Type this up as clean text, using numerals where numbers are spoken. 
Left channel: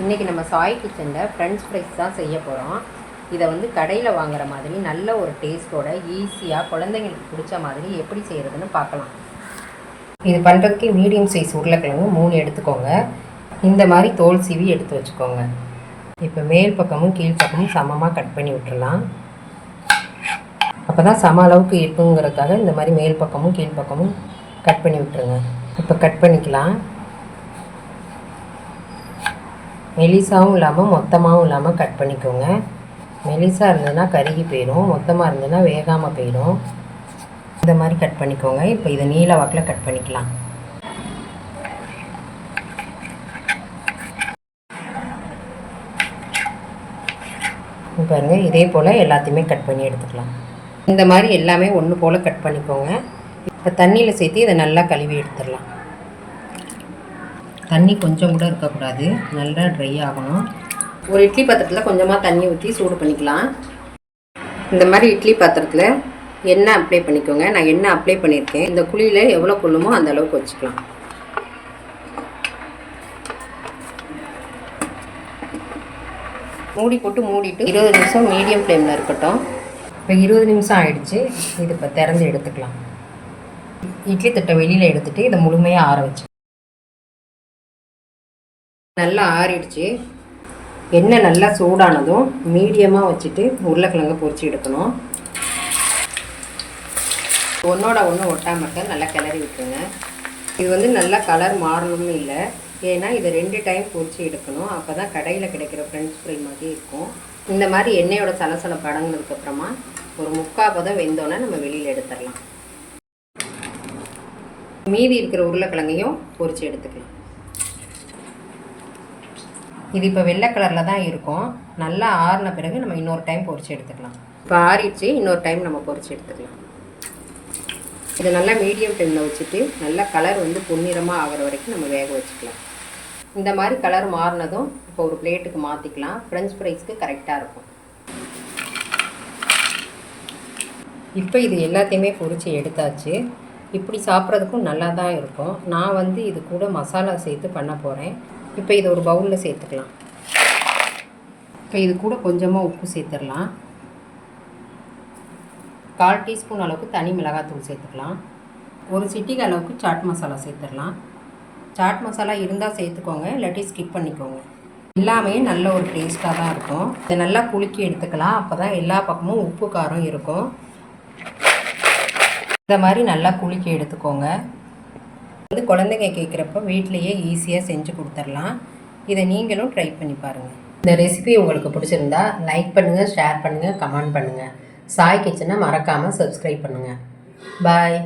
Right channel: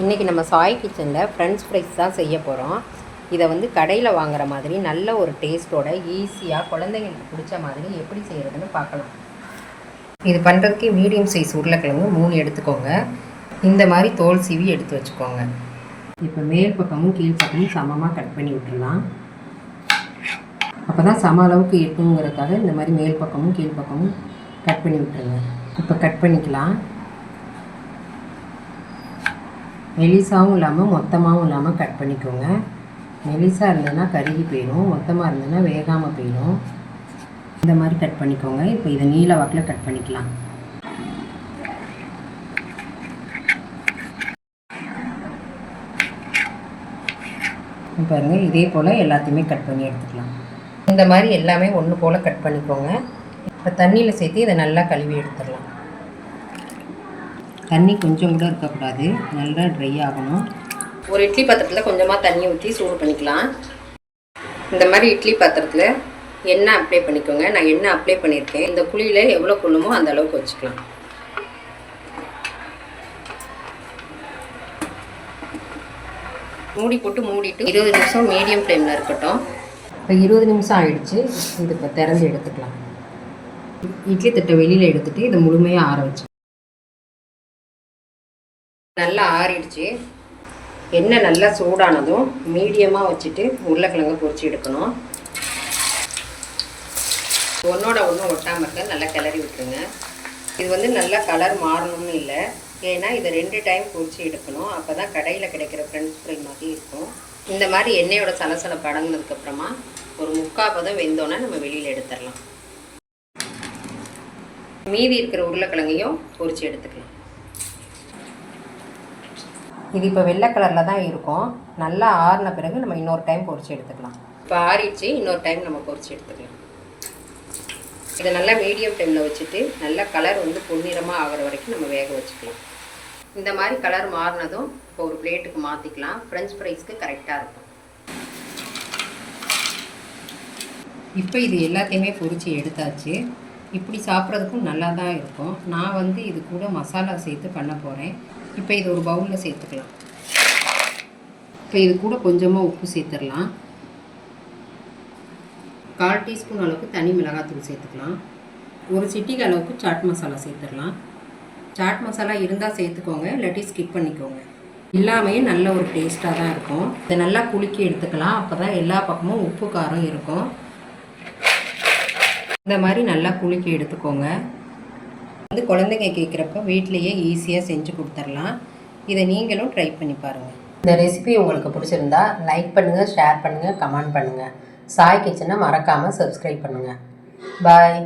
இன்றைக்கி நம்ம சாய் கிச்சனில் ஃப்ரெஞ்ச் ஃப்ரைஸ் தான் செய்ய போகிறோம். இதை வந்து கடையில் வாங்குகிற மாதிரி நல்ல ஒரு டேஸ்ட்டோட ஈஸியாக குழந்தைங்களுக்கு பிடிச்ச மாதிரி எப்படி செய்கிறதுன்னு பார்க்கலாம். இது பண்ணுறதுக்கு மீடியம் சைஸ் உருளைக்கிழங்கு 3 எடுத்துக்கோங்க. இந்த மாதிரி தோல் சீவி எடுத்து வச்சுக்கோங்க. இப்போ மேல் பக்கமும் கீழ் பக்கமும் சமமாக கட் பண்ணி விட்டுறலாம். அப்போ தான் சம அளவுக்கு இருக்குங்கிறதுக்காக இந்த மாதிரி மேல் பக்கமும் கீழ் பக்கமும் கட் பண்ணி விட்டுருங்க. இப்போ கட் பண்ணிக்கலாம். மெலிசாவும் இல்லாமல் மொத்தமாகவும் இல்லாமல் கட் பண்ணிக்கோங்க. மெலிசாக இருந்ததுன்னா கருகி போயிடும், மொத்தமாக இருந்ததுன்னா வேகாமல் போயிடும். இந்த மாதிரி கட் பண்ணிக்கோங்க. இப்போ இதை நீல வாக்கில் கட் பண்ணிக்கலாம். பாருங்கள், இதே போல் எல்லாத்தையுமே கட் பண்ணி எடுத்துக்கலாம். இந்த மாதிரி எல்லாமே ஒன்று போல் கட் பண்ணிக்கோங்க. இப்போ தண்ணியில் சேர்த்து இதை நல்லா கழுவி எடுத்துடலாம். தண்ணி கொஞ்சம் கூட இருக்கக்கூடாது, நல்லா ட்ரை ஆகணும். ஒரு இட்லி பாத்திரத்தில் கொஞ்சமாக தண்ணி ஊற்றி சூடு பண்ணிக்கலாம். இந்த மாதிரி இட்லி பாத்திரத்தில் எண்ணெய் அப்ளை பண்ணிக்கோங்க. நான் எண்ணெய் அப்ளை பண்ணியிருக்கேன். இந்த குழியில் எவ்வளோ கொள்ளுமோ அந்த அளவுக்கு வச்சுக்கலாம். மூடி போட்டு மூடிட்டு 20 நிமிஷம் மீடியம் ஃப்ளேமில் இருக்கட்டும். இப்போ 20 நிமிஷம் ஆகிடுச்சு. இது இப்போ திறந்து எடுத்துக்கலாம். இட்லி தட்டை வெளியில் எடுத்துகிட்டு இதை முழுமையாக ஆற வச்சு நல்லா ஆறிடுச்சு. எண்ணெய் நல்லா சூடானதும் மீடியமாக வச்சுட்டு உருளைக்கிழங்க பொரிச்சு எடுக்கணும். ஒன்றோட ஒன்று ஒட்டாமல் இருக்க நல்லா கிளறி விட்டுருங்க. இது வந்து நல்லா கலர் மாறணும்னு இல்லை, ஏன்னா இதை 2 டைம் பொரிச்சு எடுக்கணும். அப்போ தான் கடையில் கிடைக்கிற ஃப்ரெஞ்ச் ஃப்ரை மாதிரி இருக்கும். இந்த மாதிரி எண்ணெயோட சலசலப்பு அடங்கினதுக்கப்புறமா ஒரு 3/4 பதம் வெந்தோன்னா நம்ம வெளியில் எடுத்துடலாம். மீதி இருக்கிற உருளைக்கிழங்கையும் பொரிச்சு எடுத்துக்கலாம். இது இப்போ வெள்ளை கலரில் தான் இருக்கும். நல்லா ஆறின பிறகு நம்ம இன்னொரு டைம் பொரிச்சு எடுத்துக்கலாம். இப்போ ஆறிடுச்சு, இன்னொரு டைம் நம்ம பொரிச்சு எடுத்துக்கலாம். இதை நல்லா மீடியம் ஃப்ளேமில் வச்சுட்டு நல்லா கலர் வந்து பொன்னிறமாக ஆகிற வரைக்கும் நம்ம வேக வச்சுக்கலாம். இந்த மாதிரி கலர் மாறினதும் இப்போ ஒரு பிளேட்டுக்கு மாற்றிக்கலாம். ஃப்ரெஞ்ச் ஃப்ரைஸ்க்கு கரெக்டாக இருக்கும். இப்போ இது எல்லாத்தையுமே பொரிச்சு எடுத்தாச்சு. இப்படி சாப்பிட்றதுக்கும் நல்லா தான் இருக்கும். நான் வந்து இது கூட மசாலா சேர்த்து பண்ண போகிறேன். இப்போ இதை ஒரு பவுலில் சேர்த்துக்கலாம். இப்போ இது கூட கொஞ்சமாக உப்பு சேர்த்துடலாம். 1/4 டீஸ்பூன் அளவுக்கு தனி மிளகாத்தூள் சேர்த்துக்கலாம். ஒரு சிட்டிகை அளவுக்கு சாட் மசாலா சேர்த்துடலாம். சாட் மசாலா இருந்தால் சேர்த்துக்கோங்க, இல்லாட்டி ஸ்கிப் பண்ணிக்கோங்க. எல்லாமே நல்ல ஒரு டேஸ்ட்டாக தான் இருக்கும். இதை நல்லா குலுக்கி எடுத்துக்கலாம். அப்போ தான் எல்லா பக்கமும் உப்பு காரம் இருக்கும். இந்த மாதிரி நல்லா குலுக்கி எடுத்துக்கோங்க. வந்து குழந்தைங்க கேட்குறப்ப வீட்லேயே ஈஸியாக செஞ்சு கொடுத்துடலாம். இதை நீங்களும் ட்ரை பண்ணி பாருங்கள். இந்த ரெசிபி உங்களுக்கு பிடிச்சிருந்தா லைக் பண்ணுங்கள், ஷேர் பண்ணுங்கள், கமெண்ட் பண்ணுங்கள். சாய் கிச்சனை மறக்காமல் சப்ஸ்கிரைப் பண்ணுங்கள். பாய்.